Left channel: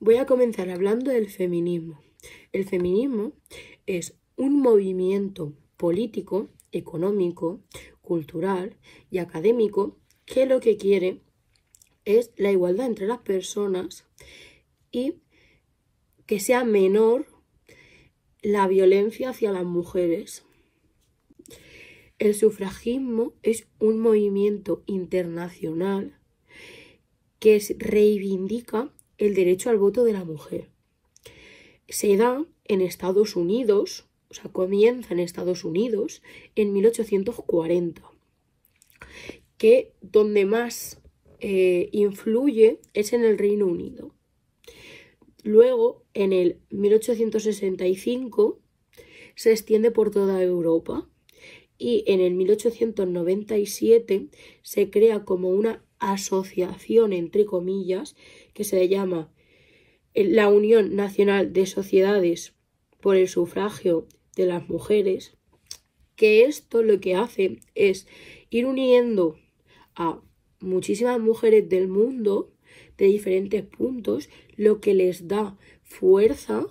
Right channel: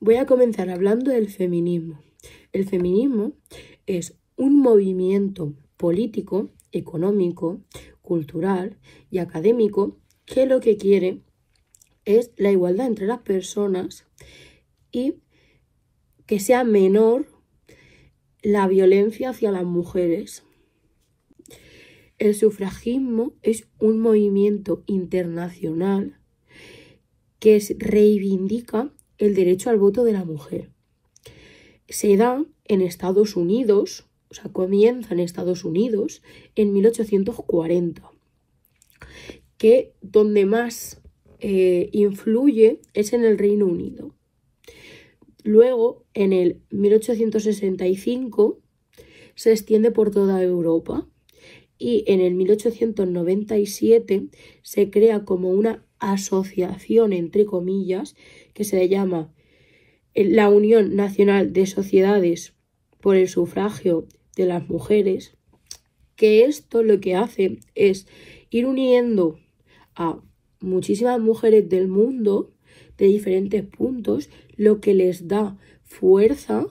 Voy a comenzar hablando del feminismo. El feminismo es un movimiento político, económico, cultural y académico que lo que quiere es la igualdad entre las personas y que sea menor la violencia hacia las mujeres. El sufragismo es un movimiento internacional que reivindica el derecho al voto de la mujer. Se da en Estados Unidos, comienza en Estados Unidos en 1840, que donde más influye es en el Reino Unido. Luego, en el 1865, se extiende por toda Europa y en el 1897 se crea como una asociación, entre comillas, que se llama la Unión Nacional de Sociedades por el Sufragio de las Mujeres, que esto lo que hace es ir uniendo a muchísimas mujeres del mundo de diferentes puntos, lo que les da fuerza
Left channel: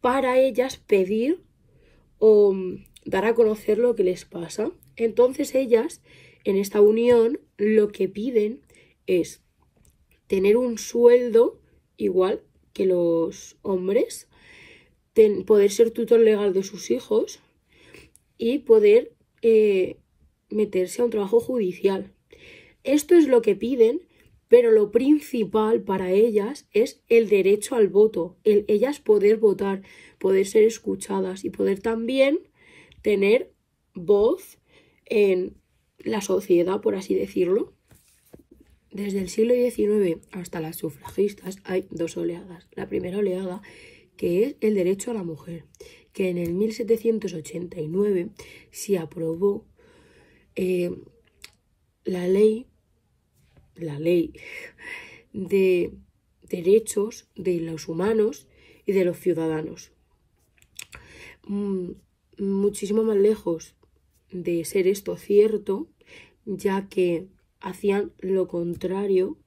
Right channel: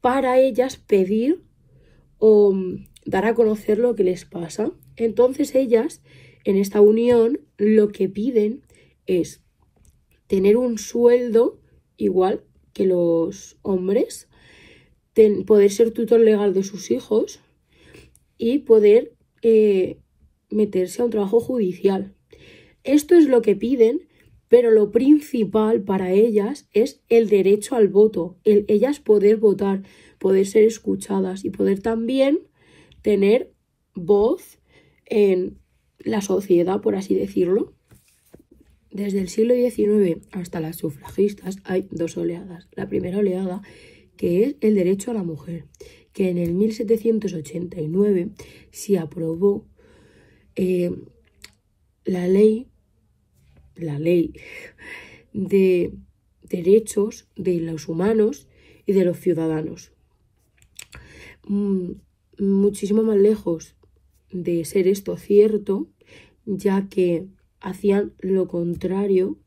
para ellas pedir o dar a conocer lo que les pasa. Entonces ellas, en esta unión, lo que piden es tener un sueldo igual que los hombres, poder ser tutor legal de sus hijos y poder meterse a un trabajo judicial. Esto es lo que piden, pero lo principal para ellas es el derecho al voto, ellas poder votar, poder ser escuchadas y poder también tener voz en la sociedad, por así decirlo. Desde el siglo XIX hasta las sufragistas hay dos oleadas. La primera oleada, que es el derecho a la mujer, que en el 1789 se aprobó la ley de derechos de los humanos y de los ciudadanos. Muchísimo más lejos de ser esto cierto, ya que hacían lo contrario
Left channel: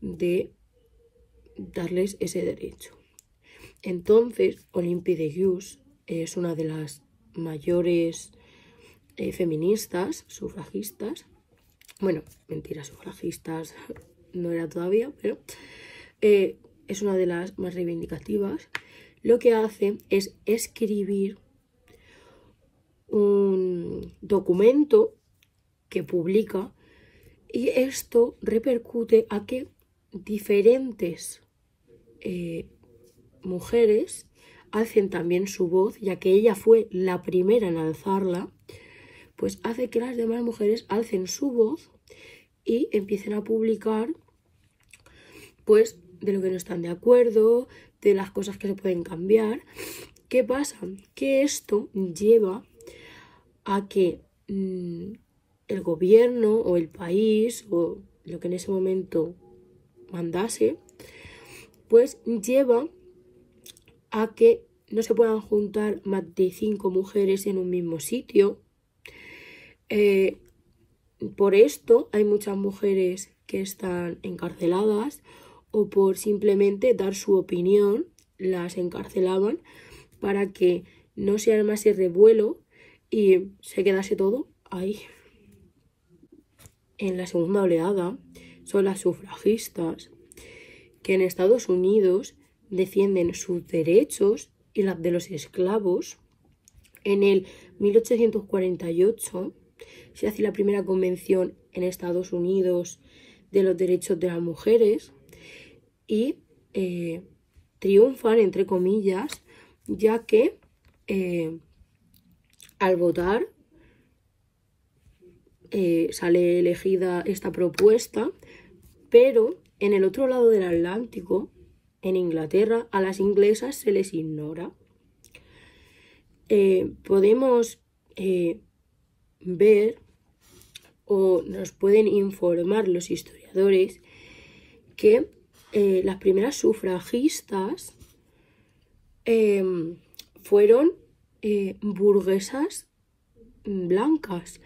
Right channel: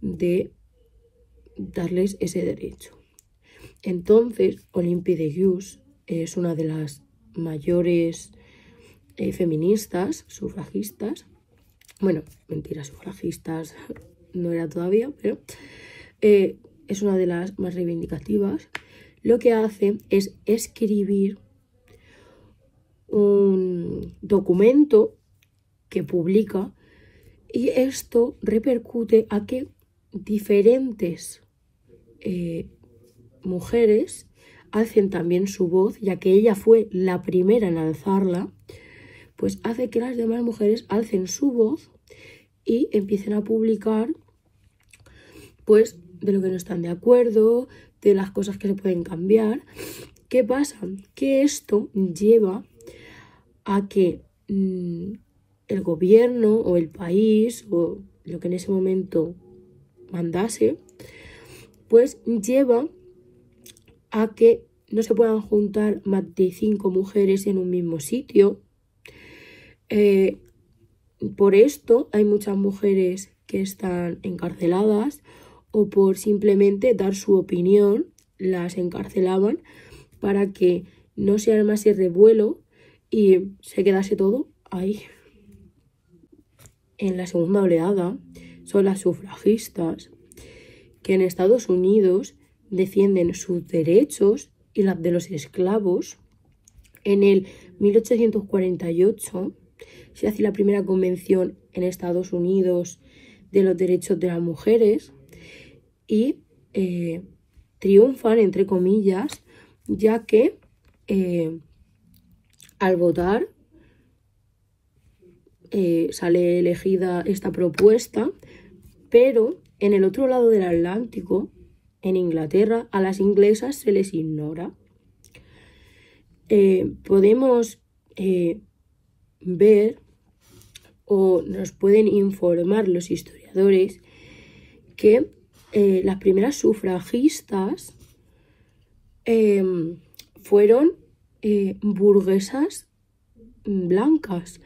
de darles ese derecho. Entonces, Olympe de Gouges es una de las mayores feministas, sufragistas. Bueno, mentira, sufragistas no era todavía, pero es una de las más reivindicativas. Lo que hace es escribir un documento que publica, y esto repercute a que diferentes mujeres alcen también su voz, ya que ella fue la primera en alzarla, pues hace que las demás mujeres alcen su voz y empiecen a publicar pues de lo que no están de acuerdo, de las cosas que se pueden cambiar. ¿Qué pasa? Que esto lleva a que el gobierno o el país o lo que en ese momento mandase, pues lleva a que no se puedan juntar más de 5 mujeres en un mismo sitio. Por esto hay muchas mujeres que están encarceladas, o por simplemente dar su opinión las encarcelaban para que no se armase revuelo y se quedase todo ahí. En la segunda oleada son las sufragistas, que en Estados Unidos defienden sus derechos y los de los esclavos. En el 1848 se hace la primera convención en Estados Unidos de los derechos de las mujeres y triunfan, entre comillas, ya que al votar sale elegida esta propuesta, pero en el otro lado del Atlántico, en Inglaterra, a las inglesas se les ignora. Podemos ver, o nos pueden informar los historiadores, que las primeras sufragistas fueron burguesas blancas,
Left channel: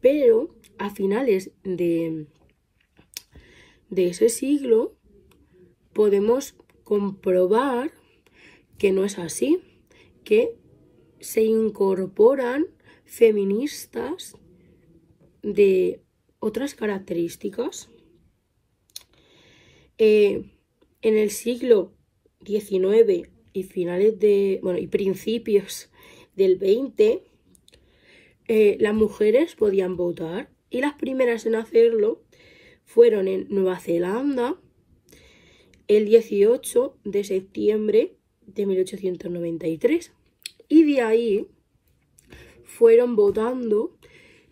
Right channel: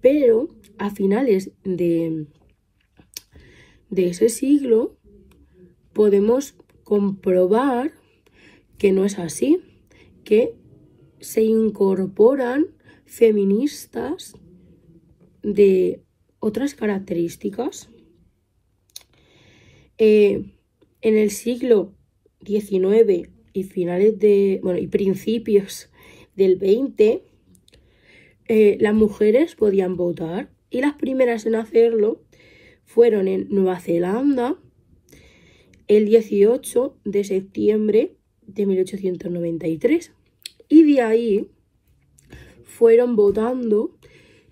pero a finales de ese siglo podemos comprobar que no es así, que se incorporan feministas de otras características. En el siglo XIX y y principios del XX, las mujeres podían votar, y las primeras en hacerlo fueron en Nueva Zelanda el 18 de septiembre de 1893, y de ahí fueron votando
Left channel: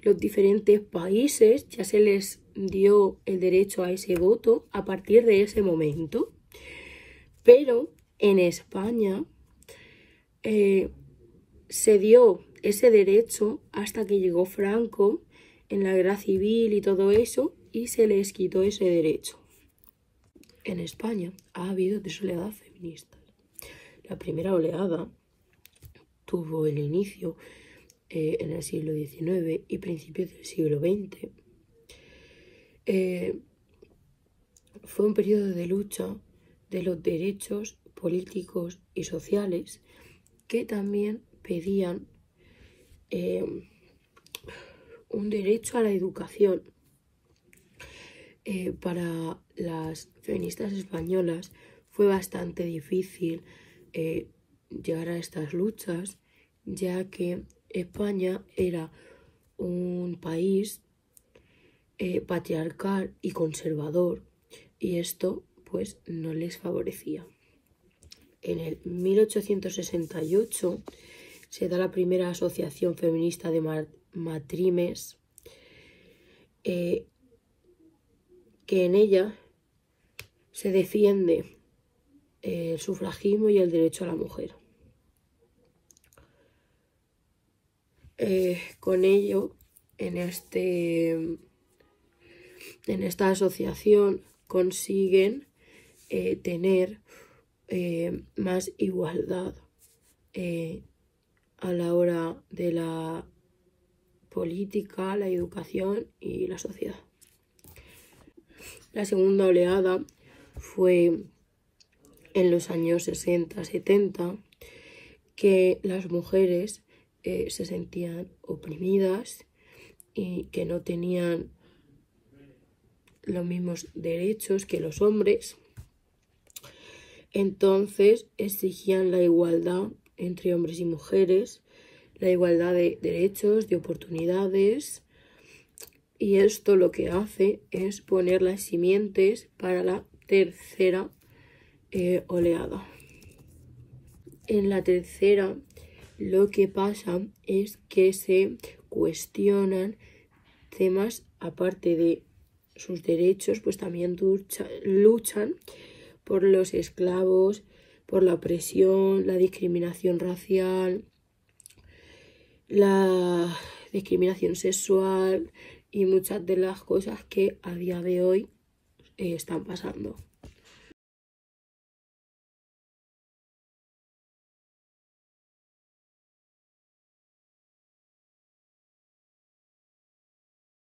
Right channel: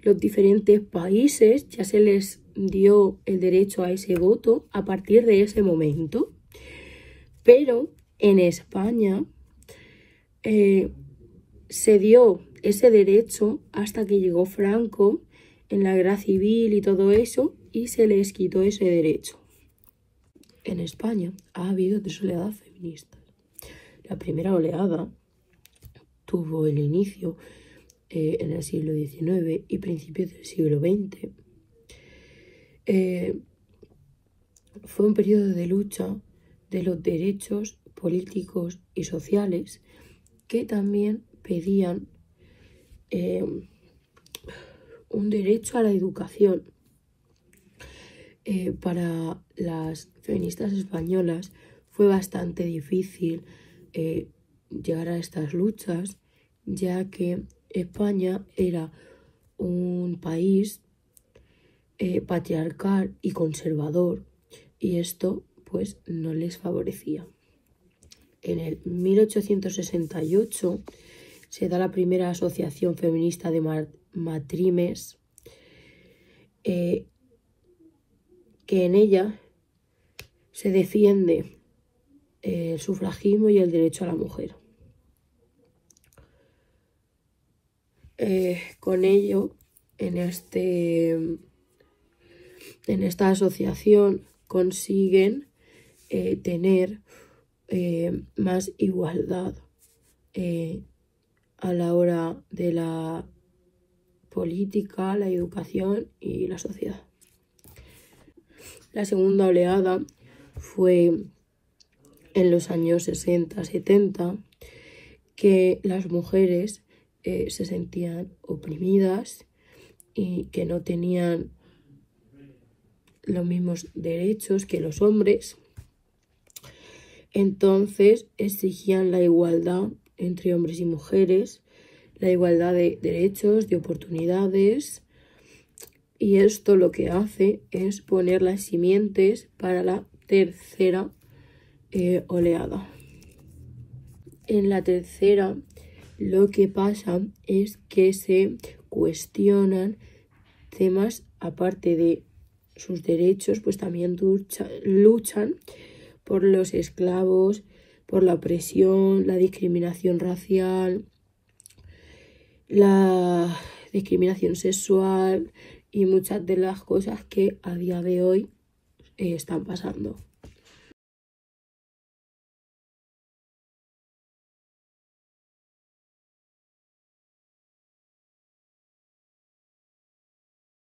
los diferentes países, ya se les dio el derecho a ese voto a partir de ese momento. Pero en España se dio ese derecho hasta que llegó Franco en la guerra civil y todo eso, y se les quitó ese derecho. En España ha habido 3 oleadas feministas. La primera oleada tuvo el inicio en el siglo XIX y principios del siglo XX. Fue un periodo de lucha de los derechos políticos y sociales, que también pedían un derecho a la educación. Para las feministas españolas fue bastante difícil llegar a estas luchas, ya que España era un país patriarcal y conservador, y esto pues no les favorecía. En el 1868 se da la primera asociación feminista de matrimes, que en ella se defiende el sufragismo y el derecho a la mujer. Con ello, en esta asociación consiguen tener más igualdad a la hora de la política, la educación y la sociedad. La segunda oleada fue en los años 60-70, que las mujeres se sentían oprimidas y que no tenían los mismos derechos que los hombres. Entonces exigían la igualdad entre hombres y mujeres, la igualdad de derechos, de oportunidades, y esto lo que hace es poner las simientes para la tercera oleada. En la tercera, lo que pasa es que se cuestionan temas, aparte de sus derechos, pues también luchan por los esclavos, por la opresión, la discriminación racial, la discriminación sexual y muchas de las cosas que a día de hoy están pasando.